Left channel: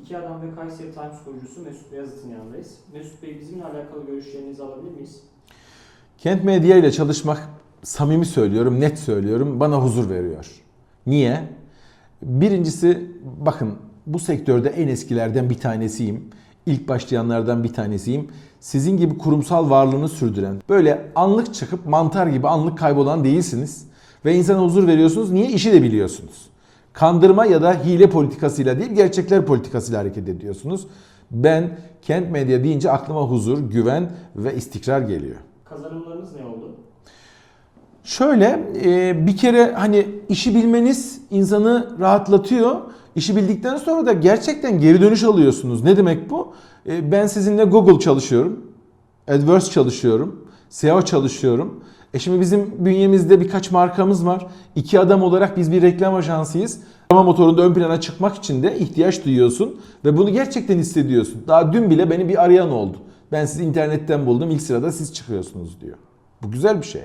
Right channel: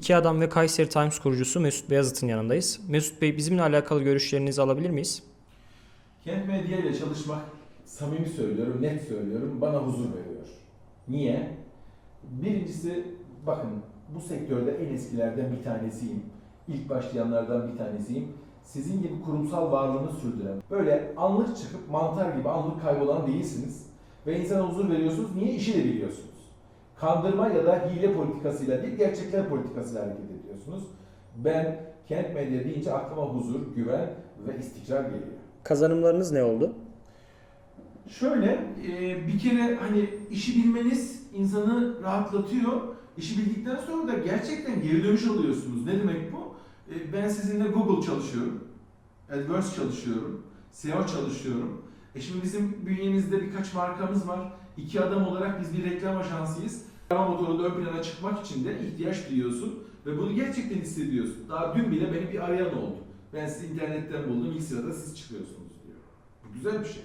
İki Adam ve Kayseri Times kurucusu Mesut Beyazıt'ın yanındayız. Mesut Bey bizimle alakalı görüşlerinizi alabilir miyiz? Kent medya ile çalışmak samimi söylüyorum, net söylüyorum bana huzur veriyor. Niye? Birincisi bakın bu sektörde en eskilerden bir tanesiyim. İlk başlayanlardan bir tanesiyim. Sizin gibi kurumsal varlığını sürdüren, böyle anlık çıkıp mantar gibi anlık kaybolan değilsiniz. Ve insana huzur veriyorsunuz. Niye? İşi de biliyorsunuz. Kandırma ya da hile politikasıyla değil, gerçekler politikasıyla hareket ediyorsunuz. Ben Kent Medya deyince aklıma huzur, güven ve istikrar geliyor. Kazanımlarınız ne oldu? Şöyle e, bir kere hani işi bilmeniz insanı rahatlatıyor. İşi bildikten sonra da gerçekten geri dönüş alıyorsunuz. Ne demek bu? E, Ben sizinle Google çalışıyorum. AdWords çalışıyorum. SEO çalışıyorum. E şimdi bizim bünyemizde birkaç markamız var. İki adam olarak biz bir reklam ajansıyız. Arama motorunda ön plana çıkmak için de ihtiyaç duyuyorsun ve bunu gerçekten hissediyorsun. Daha dün bile beni bir arayan oldu. Ben sizi internetten buldum ilk sırada siz çıkıyorsunuz diyor. Bu güzel bir şey.